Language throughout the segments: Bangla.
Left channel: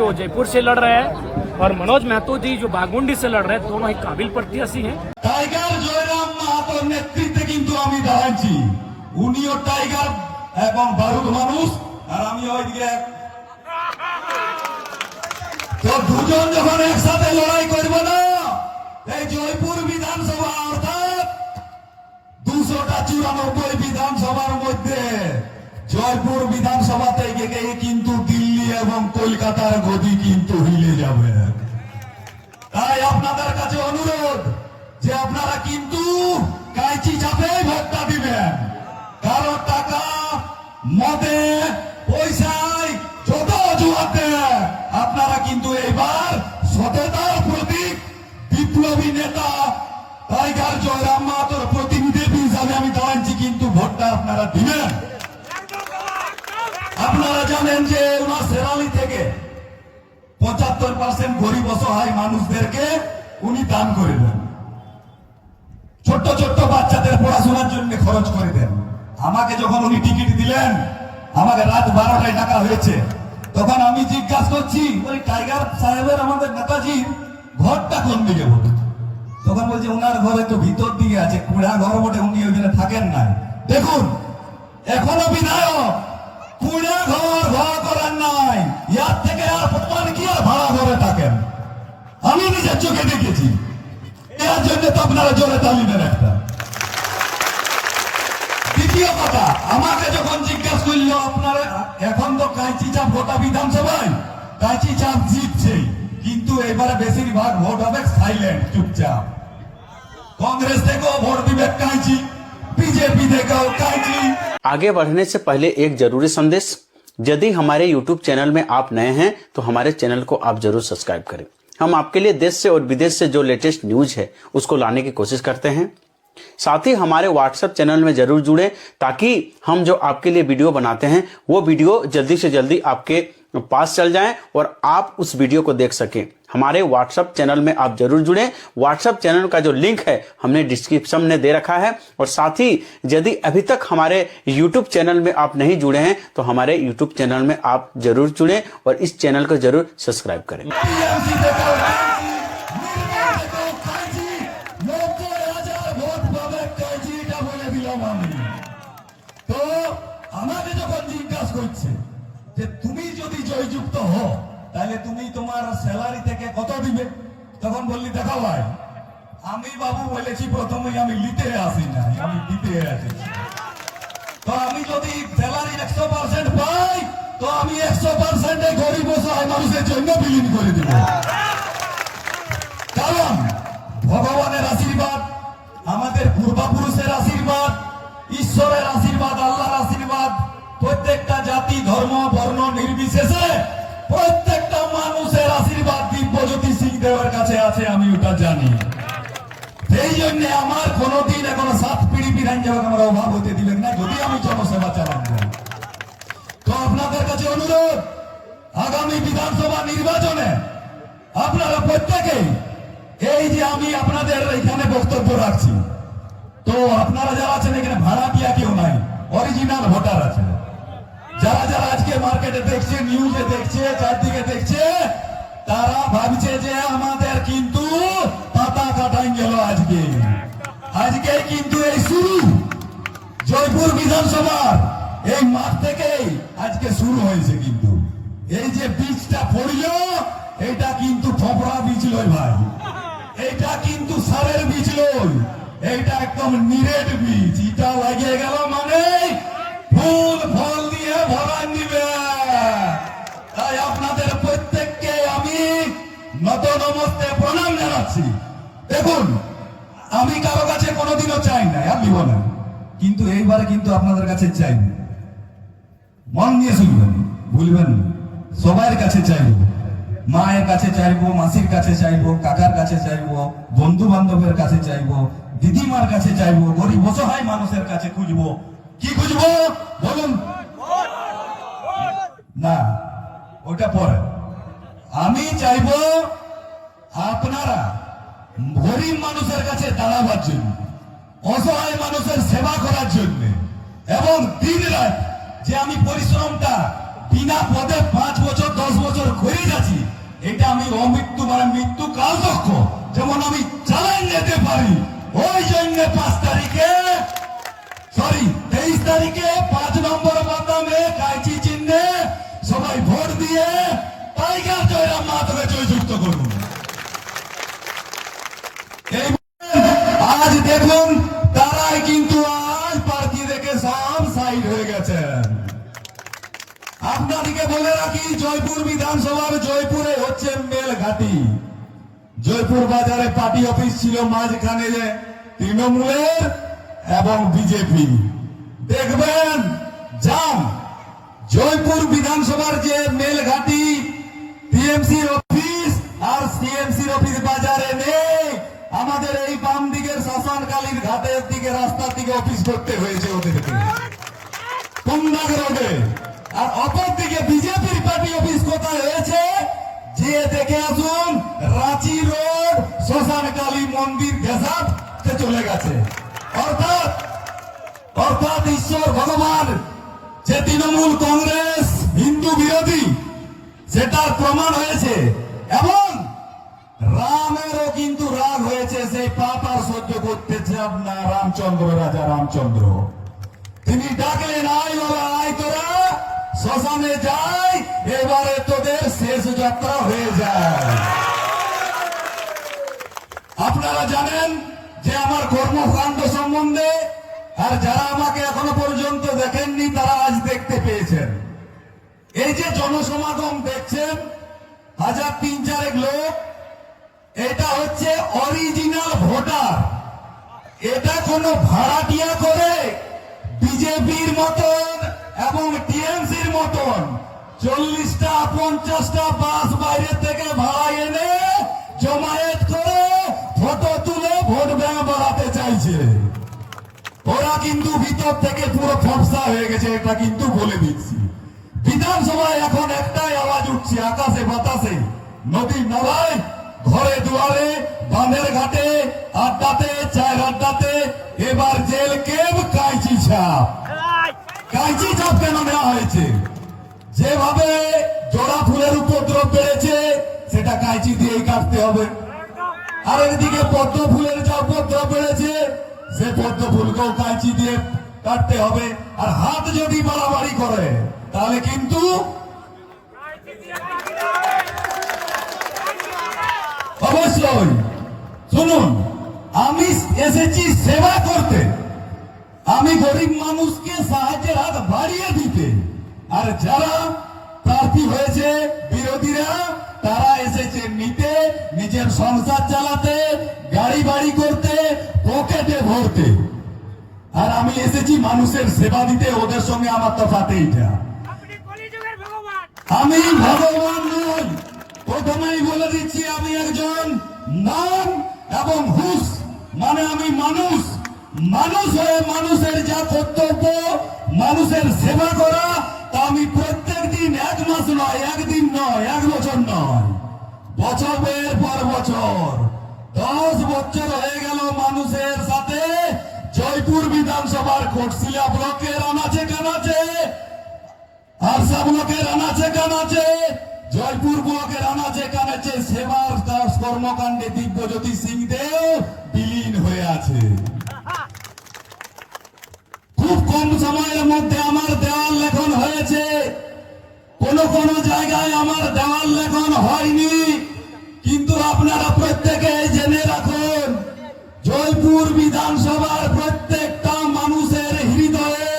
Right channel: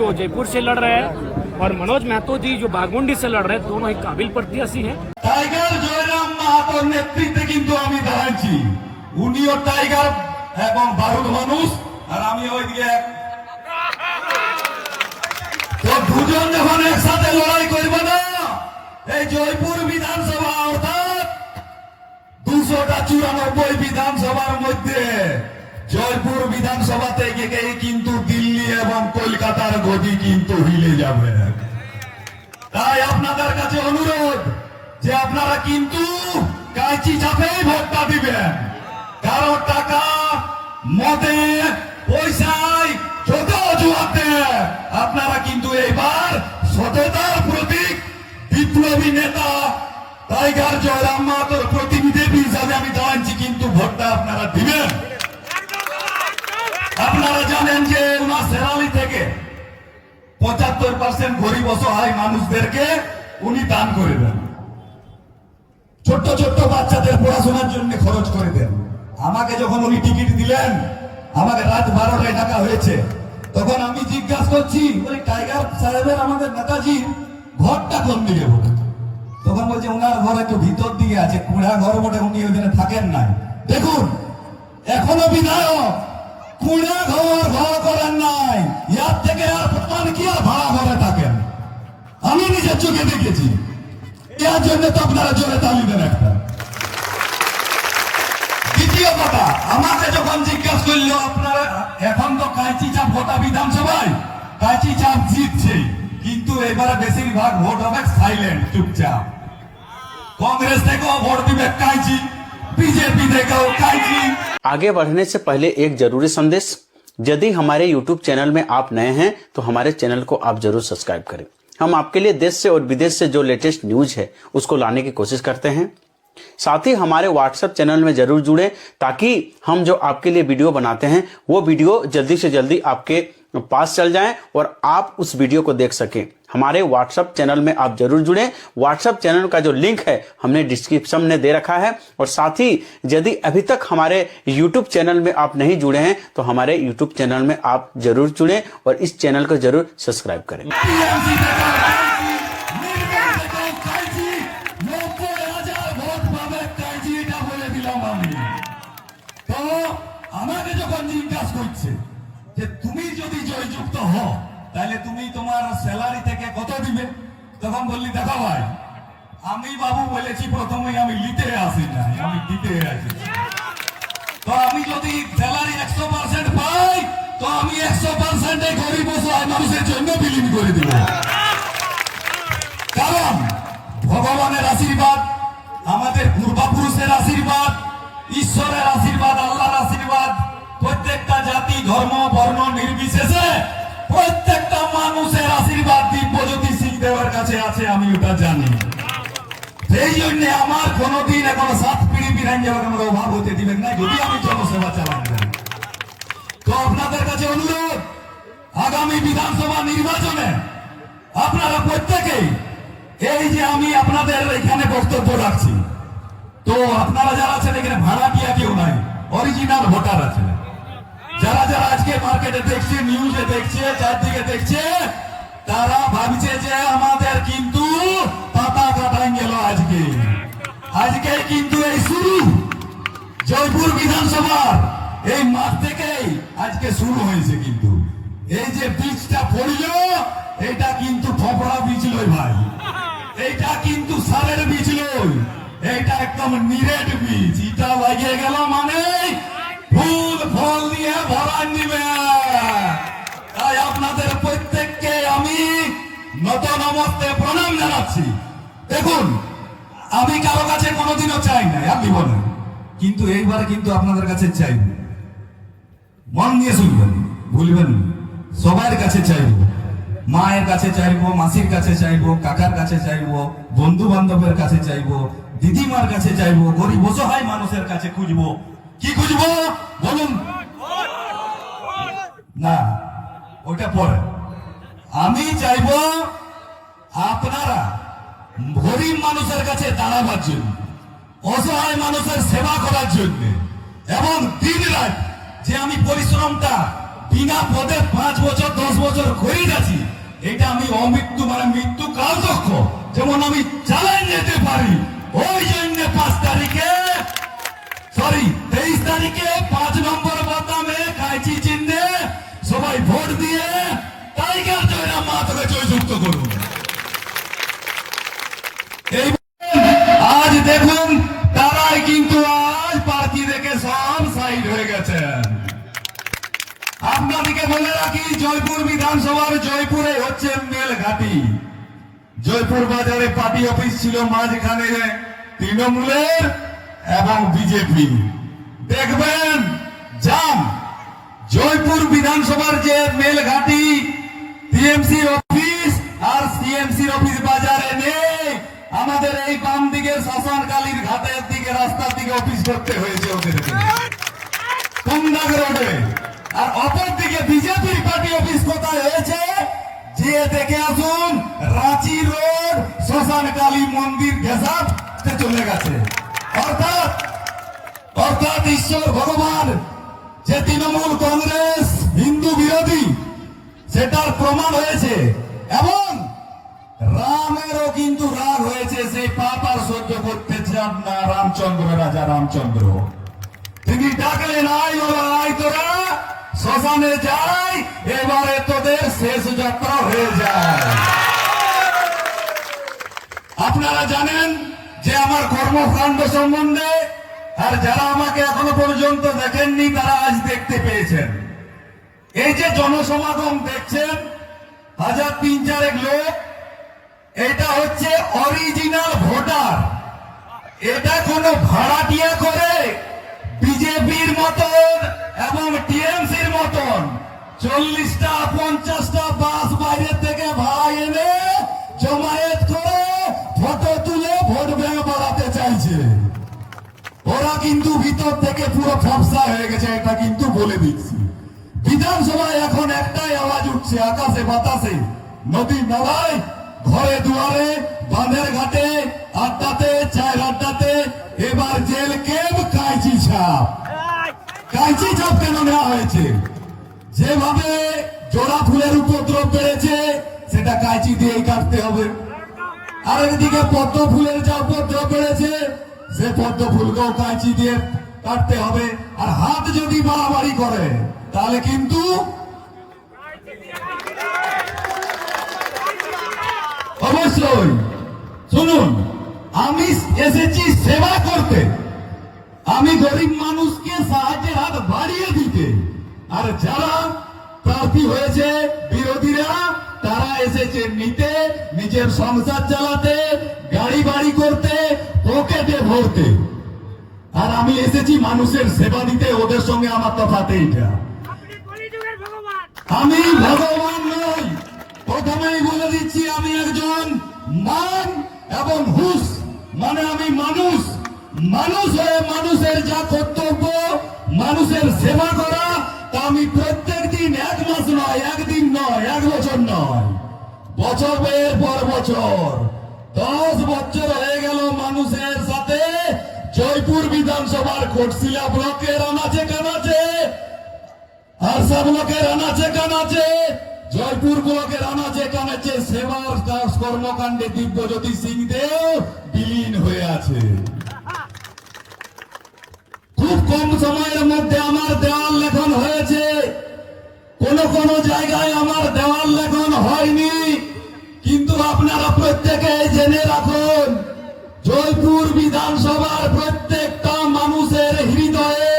जो जयपुर से लड़ रहे हैं और मनोज महतो जी जो बागमुंडी से लड़ रहे हैं, दोनों ही काबिल प्रत्याशी हैं। टाइगर जयराम माहातोर नेतृत्वे किन्तु आमी दाঁড়াচ্ছি, উনিও টাইগার এবং বারুদ মানুষ আর আমি ওইদিকে। তো দুজন যখন একসাথে লড়াই করবে না, এই জয়পুর বিধানসভা অর্থাৎ 294 বিধানসভার মধ্যে জয়পুর বিধানসভা থেকে কিন্তু দিল্লি এবং কলকাতার গদি কিন্তু হিলে যাবে। তাই আপনাদের কাছে অনুরোধ যে আপনারা কিন্তু কাঁচি চাপে ভোটটা দিবেন, কারণ টাকা মদে পয়সায় যত অজুহাতে আপনারা কিন্তু এইবার সততার প্রতীক বিপ্লবী নেতা টাইগার জয়রাম মাহাতোর প্রতিনিধি হিসাবে আমি দাঁড়াচ্ছি, কিন্তু ভোটটা আপনারা দিবেন। আপনারা জানেন যে ওনার সেরালি থেকে 75% গরিব অসহায় মানুষদেরকে উনি দান করে দেন, ছোট্ট ছোট্ট বাচ্চাদের পড়াশোনার জন্য খরচ করে দেন। আমাকে যখন উনি টিকিট দিলেন, আমাকে রাত 12টায় ডাকা হয়েছে, তখন আমি জিজ্ঞাসা করছি, বলি টাইগার সাহেবের আমাদের নেতাজি ঘরটা কোন দিকে হবে? তখন বলছে ওনার ঘরে তো ভিতর দিকে আছে, কুড়া ঘর বটে, উনি ওখানে থাকেন না। দেখুন এখনো বিধায়ক কুড়া ঘর ঘর করেন নাই, ইয়ার থেকে আর প্রমাণ কি আর ভাড়া ঘরে থাকেন, আমি নিজের চোখে দেখেছি। এর জন্য তো আপনারা জোরে তালি দেন একটা। দ্বিতীয় কথা, আমাকে যখন জিজ্ঞাসা করলো আপনারা এখন তো কাঁচি চাপ গোটা বিধানসভায় কাঁচি চাপ জিতছে, কিন্তু এবারে বেশিরভাগ ভোট হবে সাইলেন্ট, চুপচাপ। कांग्रेस देखो वोट दिवे कांची, बीजेपी देखो कांची। आगे बढ़ने से पहले एक जरूरी संदेश, यदि हमारे YouTube चैनल में आप नए हैं तो हमारे चैनल को आप जरूर सब्सक्राइब करें। हम आपके लिए देश से और विदेश से जो लेटेस्ट न्यूज है उसको लाने की कोशिश करते हैं। साथ ही हमारे व्हाट्सएप चैनल में जरूर जुड़े, ताकि हम जो आपके लिए वीडियो बनाते हैं वो वीडियो जल्दी से जल्दी आपके पास चल जाएं और आप उस वीडियो को देख सकें। हमारे व्हाट्सएप चैनल में आप जरूर जुड़े। व्हाट्सएप चैनल का जो लिंक है हमने डिस्क्रिप्शन में दे रखा है, और साथ ही यदि अभी तक हमारे यूट्यूब चैनल में आप नहीं जुड़े हैं तो हमारे यूट्यूब चैनल में आप जरूर जुड़े और इस चैनल को जरूर सब्सक्राइब करें। তুমি যদি জয়যুক্ত হও তাহলে তুমি তোমার স্যালারি থেকে কত দিবে? তখন বললি দেখো ভাই, আমি বাবু বলেছি প্রথমে আমি নিতে আসি না, আমি দিতে আসি। তো আমি যদি স্যালারি 100% পাই তো আমি 100% এই গরিব অসহায় মানুষের জন্য বিলীন করে দিব। কারণ ভগবানের আশীর্বাদ, আমাদের পূর্বপুরুষের আশীর্বাদ, ঈশ্বরের আশীর্বাদ, আল্লাহর আশীর্বাদ প্রত্যেকটা জাতি ধর্ম বর্ণ নির্বিশেষে প্রত্যেকটা মানুষের আশীর্বাদ দিব্যজ্যোতি সিং দেওয়ার কাছে আছে, আমি ওটা জানি। সেই জন্য আমার কোনদিন এখনো 7 পিঁড়ি বিধানসভা আমার অভাব হতে দিবেন না, যদি আমি জনসেবা চালান। তো আপনাদের কাছে অনুরোধ, আগামী বিধানসভা নির্বাচনে আপনারা প্রত্যেকেই, এই যে আমি আপনাদের এখানে বক্তব্য রাখছি, তো আপনারা যারা আছেন এখানে ভাড়াটিয়া কেউ নাই, অরিজিনাল ভোটার আছে। যারা যারা আজকে মার্কেটে দেখছে, নিউজে দেখছে, চারদিকে দেখছে, তারা ভাবছে যে আমাদের কিন্তু পাতা কাটাই গেল আজকে। আজকে কিন্তু এই শুরু, জয়পুর বিধানসভা এই মাঠ থেকেই আজকে শুরু হয়েছে। কিন্তু এই যে বীজটা পড়ল, এইটা কিন্তু খপড়া বীজ লয় ভাই, এইটা কিন্তু সারের বীজ লয়, এইটা একদম নিরেট বীজ। এটা লাগিয়ে গেল মানে ফুল ফল দিয়ে ভরা নিবে। তাই আপনাদের প্রত্যেককে আমি নত নমস্তে প্রণাম জানাচ্ছি। দেখুন, আমি কারো কাছে কোনোদিনও চাই নাই, আমি বলেন, কিন্তু এইবারে কিন্তু আপনাদের কাছে চাইব। মন দিয়ে শুনবেন, ভুলবেন, সবার কাছে চাইব। মায়ের কাছে চাইবো, মাসির কাছে চাইবো, কাকার কাছে চাইবো, বন্ধু বান্ধবের কাছে চাইবো, দিদিমার কাছে চাইবো, গরিব অসহায় মানুষের কাছে খুঁজবো। কি খুঁজবো বলুন? না, ওটা পরে। আমি চাইবো আপনারা গরিব মানুষের কাছে দাঁড়াবার জন্য, অসহায় মানুষের সেবা করার জন্য, এবং দিন রাত যে আমি পরিশ্রমটা বিনা পদে 5 বছর 10 বছর করে যাচ্ছি, অমৃত্যু মানে মৃত্যু কালদক্ষ যেমন আমি চালাই যেতে পারি, ওই জন্য 5 তারিখে 23 তারিখে 5 নম্বর বাতামে কাইচি চিহ্নে সবাই ভোট দিয়ে টাইগার জয়রাম মাহাতোকে জয়যুক্ত করুন। এই আজ দেখুন তারাই কিন্তু আজ প্রার্থী দেখে সব সাইড হয়ে গেছেন। আপনাদেরকে বলে রাখি, জয়পুর বিধানসভার জয়পুরে হচ্ছে মেল ঘাটি। জয়পুর বাজারে পার্টি অফিস ছিল, মাঝখানে তৃণমূলের এবং বিজেপি। দেখবেন জাম জয়পুর বিধানসভার যে মেল ঘাটি টিএমসির অফিস আর সিএমসির অফিস বাজারে নেই। আমাদের এই বাম দিকে শ্মশানকালীর ঘাটের দিকে রাস্তার দিকে অফিস করতে হয়েছে ওদেরকে কুন্দাগ রোডে। আর অপর দিকে বিজেপির পার্টি অফিস কোথায় হয়েছে যে দেখে আসুন, রাঁচি রোড শ্মশানকালী মন্দির ঘেঁষাতে চলে গেছে। অর্থাৎ ঈশ্বর ভগবান যে তৃণমূল কংগ্রেস হিন্দু বিরোধী সেটার প্রমাণ হয়েছে, এবং রামেরও কিন্তু রাগ হয়েছে, সেই পাপ আর সহ্য করতে চান না রামচন্দ্র, রাজা রামচন্দ্র। তিনি ডাকলেন, আয় বাবা আয়, তোরা শ্মশানে যাই, এবারে তোদের শেষ যাত্রা হয়ে যায়। আপনারা জানেন যে আমার কর্মকাণ্ড সম্বন্ধে, আর যারা আমাকে এখনো পর্যন্ত দেখেননি তারা আজ দেখতে পেয়েছেন। এই যে জনসমাগম দেখছেন, 1000-3000 লোক, এটা হচ্ছে অরিজিনাল ভোটার। এটা কোনো ভাড়াটিয়া করে বিজেপির মতন এবং টিএমসির মতন 40টা 50টা বাস বাইরে থেকে ভাড়া এনে জমায়েত করে ফটো তুলে ভোট ব্যাংক বাড়াতে চাইছে। ওরা কিন্তু ভিতর থেকে পুরো ফপসা হয়ে গেছে, এটা কিন্তু বলে দিচ্ছি। বিধানসভায় এখন একটাই আওয়াজ উঠছে, আকাশে বাতাসে, নদীর নালায়, ঘরে দুয়ারে, বাঁধের ঘাটে, আড্ডাতে, চায়ের আড্ডাতে, এবার জেল কেব কাইচি ছাপ। কাইচি ছাপ কেন নেওয়া হয়েছে? যেভাবে জোড়া ফুলের উপদ্রব বেড়েছে সেটা কাইচি দিয়েই কাটতে হবে। আর এদিকে পদ্ম ফুলের যা উপদ্রব বেড়েছে সে পদ্ম ফুলকেও কাইচি দিয়ে কাটতে হবে। আর হাত যদি বাড়াবাড়ি করে তাহলে কিন্তু অবশ্যই। শুনুন, আমি এসেছি সেবা করতে, আমি গরিব মানুষকে সাহায্যের হাত বাড়িয়ে দিতে। আর যারা প্রার্থী হয়েছে বিরোধীরা, তারা এসেছে নিতে, নিজের সংসার চালাতে, গাড়ি বাড়ি করতে, পকেটে ভরতে। আর আমি এসেছি মানুষের সেবা দিতে। ওদের সঙ্গে আমার তফাৎ এইটা। আমি ভগবান নই, প্রথমেই বলে দিচ্ছি। আমি একজন মান এবং হুশ, মানে আমি মানুষ। মানুষ হয়ে মানুষের যা কর্তব্য, মানুষের সেবা করা, তা আমি প্রত্যেক দিন, 1 মাস নয়, 1 দিন নয়, 1 বছর নয়, বছরের পর বছর, 10 বছর হয়ে গেল মানুষের সাথে। জয়পুর বিধানসভার কোটশিলা ব্লকের আনাচে কানাচে, আরসা ব্লকের আনাচে কানাচে, জয়পুর ব্লকের আনাচে কানাচে সেবার কর্মকাণ্ডে দিব্যজ্যোতি সিং দেও বিলীন হয়ে আছে। খুব কম সময়ের মধ্যে আমার দেওয়াল লেখন হয়েছে, কোন কোন জায়গায় আমার দেওয়াল লেখন হয়নি। কিন্তু আপনারা প্রত্যেকে জেনে রাখুন, জয়পুর বিধানসভার প্রত্যেকটা মানুষের হৃদয়ে,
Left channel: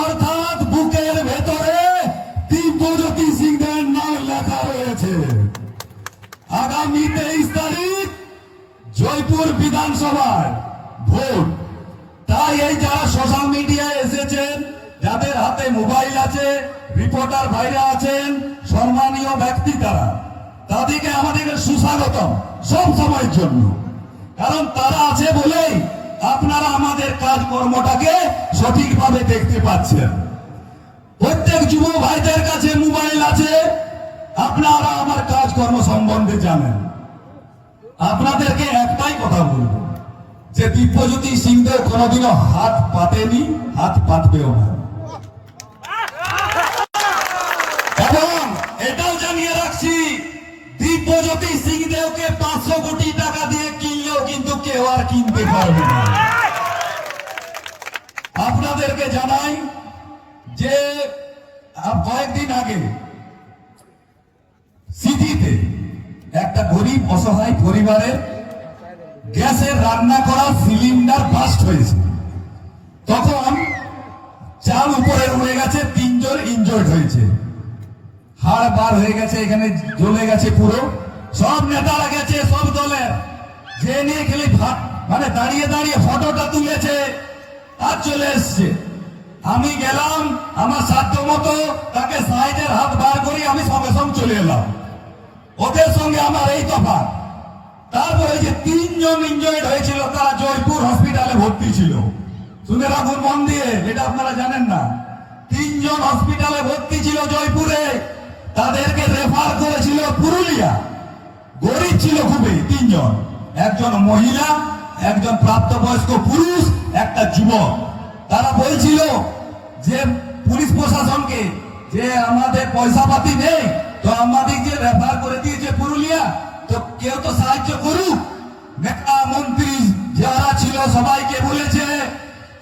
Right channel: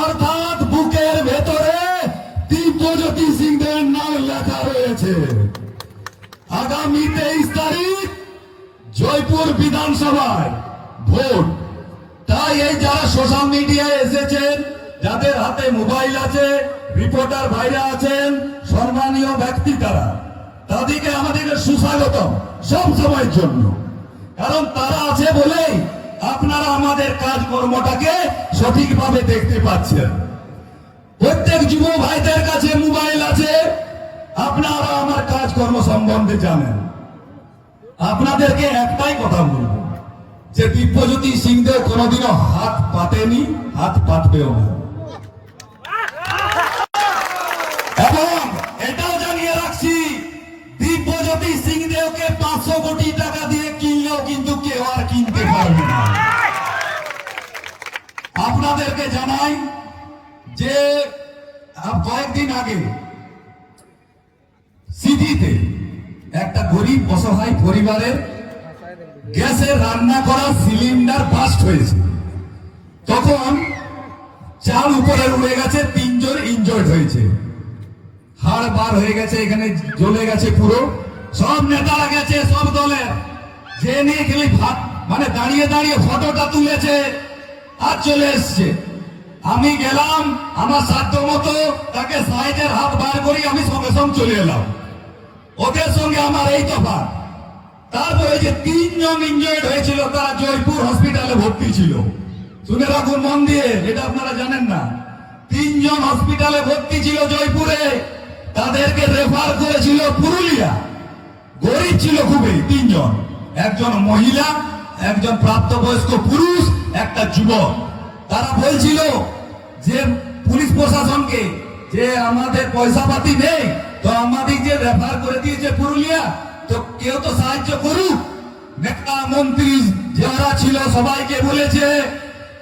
অর্থাৎ বুকের ভেতরে দিব্যজ্যোতি সিংদের নাম লেখা রয়েছে। আগামী 23 তারিখ জয়পুর বিধানসভার ভোট। তাই এই যারা সোশ্যাল মিডিয়ায় এসেছেন, যাদের হাতে মোবাইল আছে, রিপোর্টার ভাইরা আছেন, সম্মানীয় ব্যক্তি তারা, তাদেরকে আমাদের সুস্বাগতম সব সময়ের জন্য। কারণ তারা আছে বলেই আপনারা আমাদের কাজকর্মটাকে সঠিকভাবে দেখতে পাচ্ছেন। প্রত্যেক যুব ভাইদের কাছে মোবাইল আছে, আপনারা আমার কাজকর্ম সম্বন্ধে জানেন। আপনাদেরকে একটাই কথা বলবো, যে দিব্যজ্যোতি সিংদের কোনোদিনও হাত পাতেনি, হাত পাতবেও না। এবং এটাও জানিয়ে রাখছি, দিব্যজ্যোতি জ্যোতি সিং দেওকে 500 কোটি টাকা দিয়ে কিনলেও কিন্তু কেউ আর কিনতে পারবে না। আপনাদেরকে জানাই যে কয়েকদিন আগে সিটিতে একটা গরিব অসহায় পরিবারের গ্যাসের রান্না করা সিলিন্ডার বাস্ট হয়েছে। তখন চাল উপরে উড়ে গেছে, 3 জন ইনজয়েড হয়েছে, হাড় বার হয়ে গেছে, এখানে জ্বলে গেছে পুরো। সব নেতারা গেছে, সব দলের, যে নিয়ে গেলি মানে দাঁড়িয়ে দাঁড়িয়ে ফটোটা তুলেছে আর চলে এসছে। আমি গেলাম, আমার সাধ্য মতো তাকে সাহায্যের হাত বার করি, আমি সঙ্গে সঙ্গে চলে এলাম। ওদের সঙ্গে আমার এই তফাৎ। তারপরে যে 3 জন ইনজয়েড হয়েছিল তারা জয়পুর হসপিটালে ভর্তি ছিল। শুনে রাখুন মন দিয়ে, এটা আপনারা জানেন না। 3 জন হসপিটালে ভর্তি ছিল জয়পুরে, তাদেরকে রেফার করেছিল পুরুলিয়া। গরিব ছিল খুবই 3 জন, একজন মহিলা, একজন প্রাপ্তবয়স্ক পুরুষ, একটা যুবক। তারা বলছিল যে পুলিশ প্রশাসনকে যে আমাদের পয়সা পাতি নেই, তো আমাদের যে রেফার করে দিয়েছে পুরুলিয়া, তো কেউ তো সাহায্য করুক। নেতা মন্ত্রী যারা ছিল সবাইকে বলেছে,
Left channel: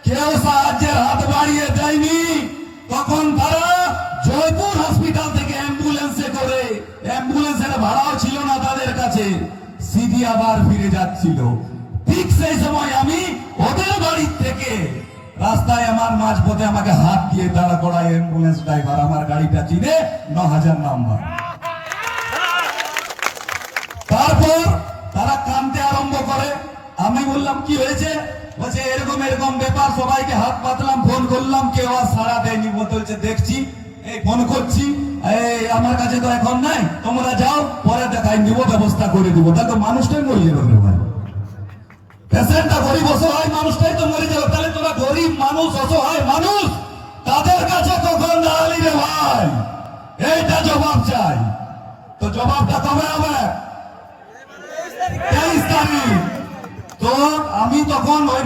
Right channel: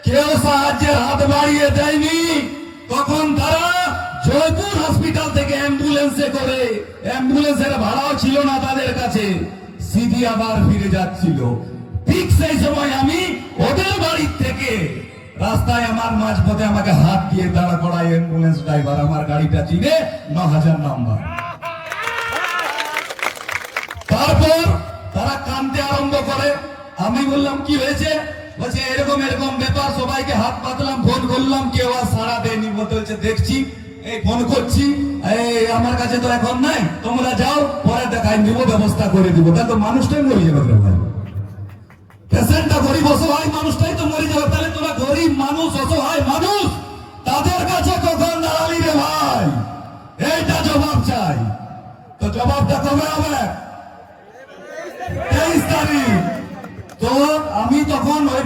কেউ সাহায্যের হাত বাড়িয়ে দেয়নি। তখন তারা জয়পুর হসপিটাল থেকে অ্যাম্বুলেন্সে করে, অ্যাম্বুলেন্সের ভাড়াও ছিল না তাদের কাছে, সিধি আবার ফিরে যাচ্ছিল। ঠিক সেই সময় আমি ওদের বাড়ির থেকে রাস্তায় আমার মাঝপথে আমাকে হাত দিয়ে দাঁড়া করায় অ্যাম্বুলেন্স ড্রাইভার, আমার গাড়িটা চিনে 9000 নাম্বার। তারপর তারা কাঁদতে আরম্ভ করে। আমি বললাম কি হয়েছে? বলছে এরকম এরকম ব্যাপার, সবাইকে হাত পাতলাম, ফোন করলাম, কেউ আর সাড়া দেয়নি। বলতে হচ্ছে দেখছি, এই ফোন করছি, এই আমার কাছে তো এখন নাই, তোমরা যাও, পরে দেখাই দিব, ব্যবস্থা করে দিব। তা তো মানুষটাই মরে যাবে, পেশেন্টটা গরিব অসহায় মানুষটাই তো মরে যাবে। তাহলে তোমরা গরিব মানুষ, অসহায় মানুষ, তাদের কাছে কখন দাঁড়ালি রে ভাই? এইটা জবাব চাই। তো জবাবটা কবে হবে? 23 তারিখ। তো আমি তখন ওই